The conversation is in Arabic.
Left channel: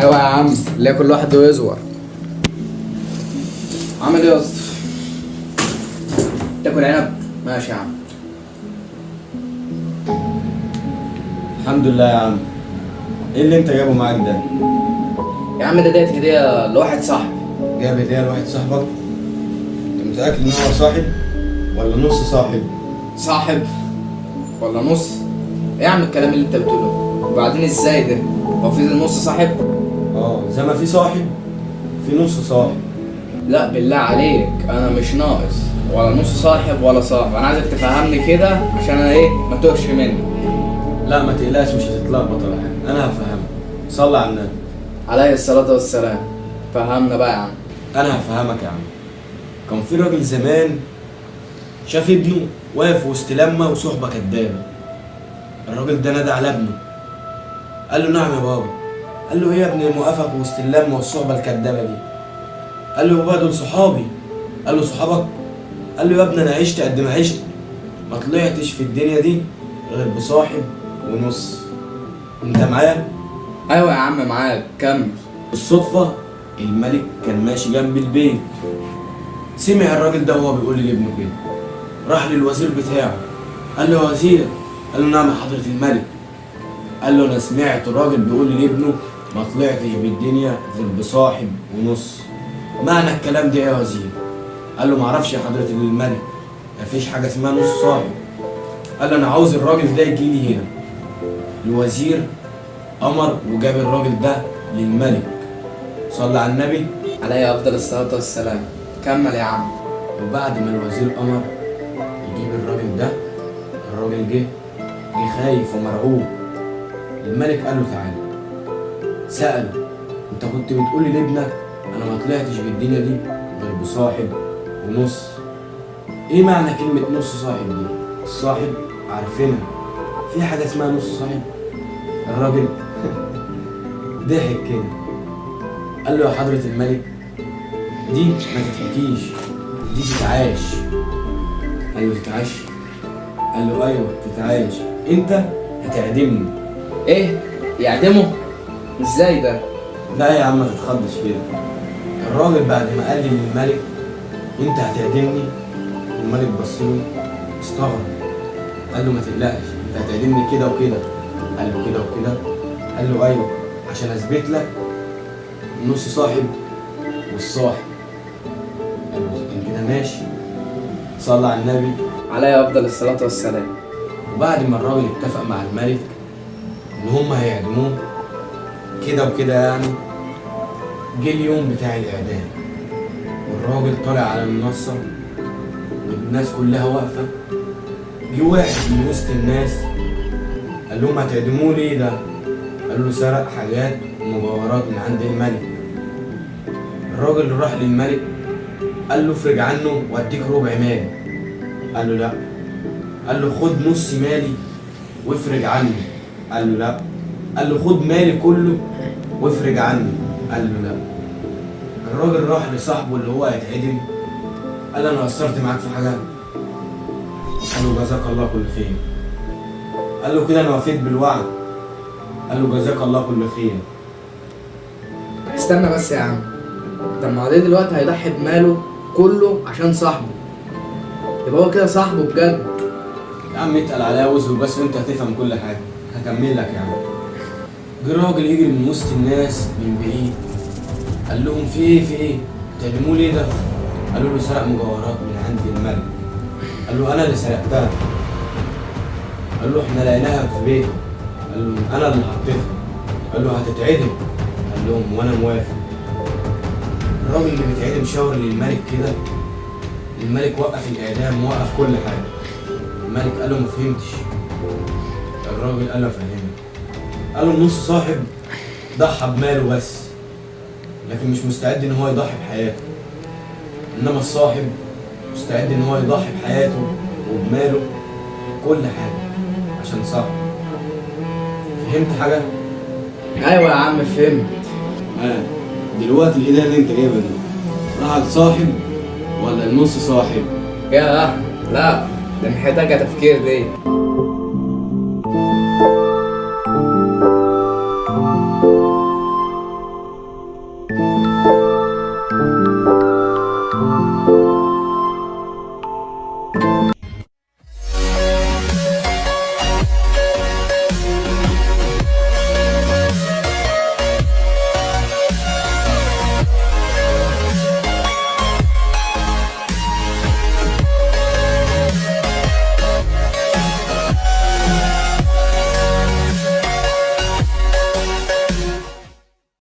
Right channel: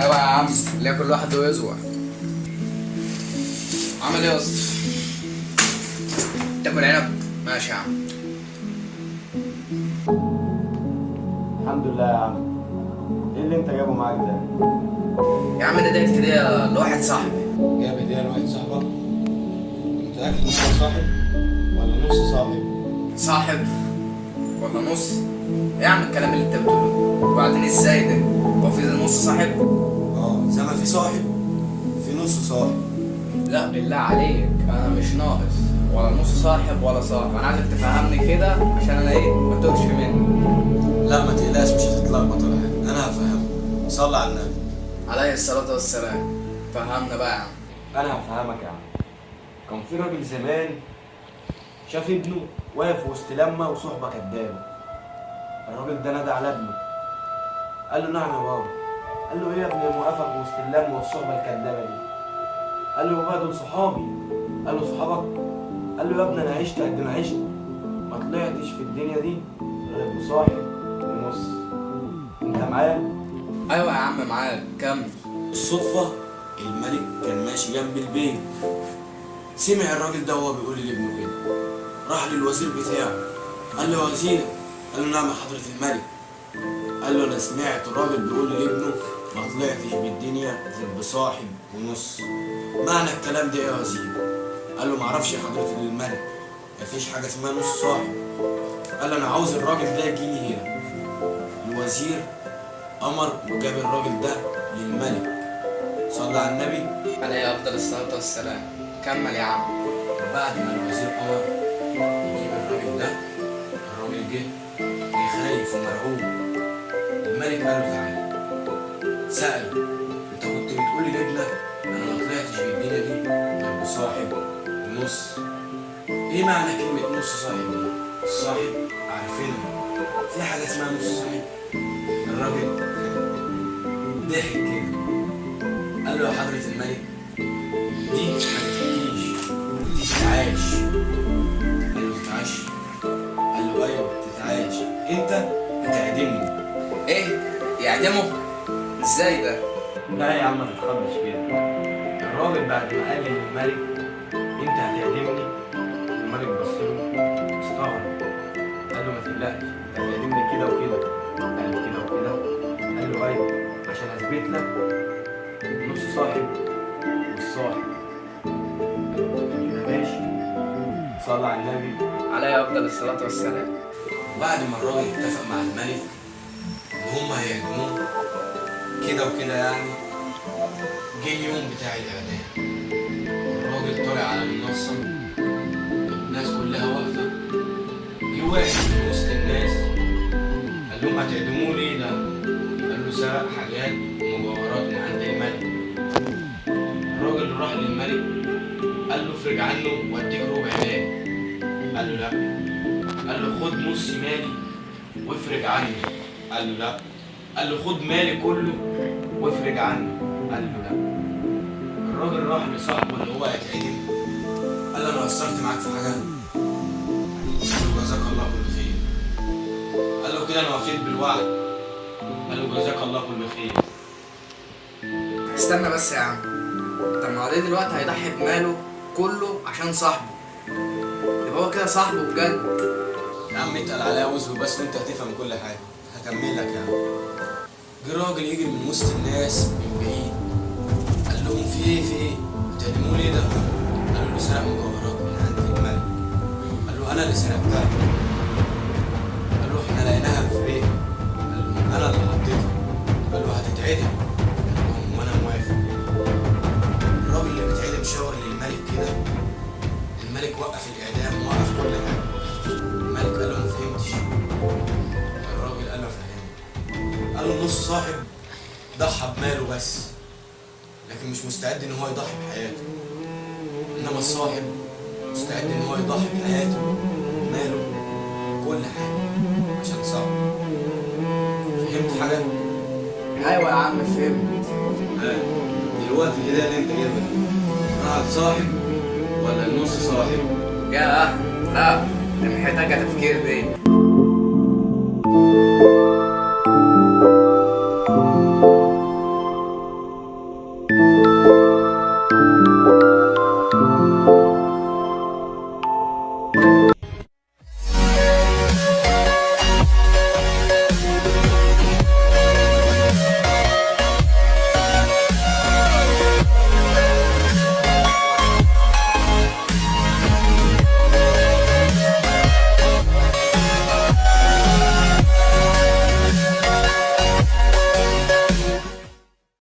ايوه يا عم، اللي كل واحد ويزور. عامل ايه يا اسطى؟ تاكل عنب؟ ماشي يا عم. الحمد لله يا عم. ايه اللي انت جايبه معاك ده؟ يا عم ده ديت كده لواحد صاحبي. جايب هديه لواحد صاحبك؟ انت متاكد ان هو صاحب ولا نص صاحب؟ صاحب ولا نص؟ ايه يا عم الكلام اللي انت بتقوله؟ وبعدين ازاي ده؟ هو في نص صاحب؟ زي ما في صاحب في نص صاحب. لا بالله عليك، انا مش ناقص ولا نص صاحب ولا صاحب. انا عايزك تفهمني كده عشان انا ايه ما توهش مني. لا ما تقلقش، مش هتتلخبط ولا حاجه، انا هفهمك. صلي على النبي عليه الصلاة والسلام. فهمنا بقى يا عم. انا هفهمك يا عم. كان في راجل زمان شاف ابنه واقف وسط لمه وصحبه كدابه. الراجل ده نادى على ابنه، قال له نعم يا بابا. قال له ايه يا ابني موقفك وسط اللمه والصحبه الكدابه دي؟ قال له بابا دول صحابي. قال له صحابك؟ قال له يا ابني انا عشت قد ما عشت، ما طلعتش في الدنيا دي غير بصاحب ونص. انت معايا؟ ايوه يا عم معاك، كمل. بالصدفه الملك كان ماشي جنب البيت، سمع الراجل ده وهو بيقول لابنه كده، راح للوزير بتاعه قال له يا وزير. قال له نعم يا حضره الملك. قال له انا سمعت الراجل بيقول لابنه ما طلعتش بالدنيا غير بصاحب ونص، معنى الكلام ده ايه يا وزير؟ قال له معرفش يا حضره الملك، مفيش حاجه اسمها نص صاحب. قال له انا عاوز الراجل ده يجي لي هنا. الوزير امر وجاب الراجل ده للملك. صلى على النبي عليه افضل الصلاة والسلام. كمل يا عم. وبعد ما الوزير امر يجيب الراجل ده، الراجل جه خايف ومرعوب. الملك قال له تعالى، سأله انت كنت بتقول لي لابنك انا ما طلعتش في الدنيا دي غير بصاحب ونص، ايه معنى كلمة نص صاحب دي؟ الصاحب عارفينها، في حاجة اسمها نص صاحب؟ الراجل ضحك كده قال له يا حضرة الملك دي ما تتحكيش، دي تتعاش. قال له تتعاش؟ قال له ايوه تتعاش، انت هتعدمني. ايه؟ يعدمه؟ ازاي ده؟ لا يا عم ما تتخضش كده. الراجل بعد ما قال للملك انت هتعدمني، الملك بص له استغرب، قال له ما تقلقش انت هتعدمني كده وكده. قال له كده وكده؟ قال له ايوه عشان اثبت لك نص صاحب والصاحب. قال له كده ماشي. صلى على النبي عليه افضل الصلاة والسلام. وبعد ما الراجل اتفق مع الملك ان هم هيعدموه كده وكده يعني، جه اليوم بتاع الاعدام والراجل طالع على المنصه والناس كلها واقفه. جه واحد من وسط الناس قال لهم هتعدموه ليه ده؟ قالوا له سرق حاجات ومجوهرات من عند الملك. الراجل راح للملك قال له افرج عنه واديك ربع مالي. قال له لا. قال له خد نص مالي وافرج عنه. قال له لا. قال له خد مالي كله وافرج عنه. قال له لا. الراجل راح لصاحبه اللي هو هيتعدم قال له انا قصرت معاك في حاجه؟ قال له جزاك الله كل خير. قال له كده انا وفيت بالوعد. قال له جزاك الله كل خير. استنى بس يا عم، طب ما هو ده دلوقتي هيضحي بماله كله عشان صاحبه، يبقى هو كده صاحبه بجد. يا عم اتقل عليا واصبر بس وانت هتفهم كل حاجه، هكمل لك يا عم. جه راجل يجري من وسط الناس من بعيد قال لهم في ايه في ايه؟ بتعدموه ليه ده؟ قالوا له سرق مجوهرات من عند الملك. قال له انا اللي سرقتها. قال له احنا لقيناها في بيته. قال له انا اللي حطيتها. قال له هتتعدم. قال لهم وانا موافق. الراجل اللي بيتعدم شاور للملك كده، الملك وقف الاعدام ووقف كل حاجه. الملك قال له ما فهمتش. الراجل قال له فهمت. قال له نص صاحب ضحى بماله بس، لكن مش مستعد ان هو يضحي بحياته، انما الصاحب مستعد ان هو يضحي بحياته وبماله كل حاجه عشان صاحبه. فهمت حاجه؟ ايوه يا عم فهمت. دلوقتي الهدايه اللي انت جايبها دي راحت صاحب ولا نص صاحب؟ ياه لا، ده محتاجة تفكير دي.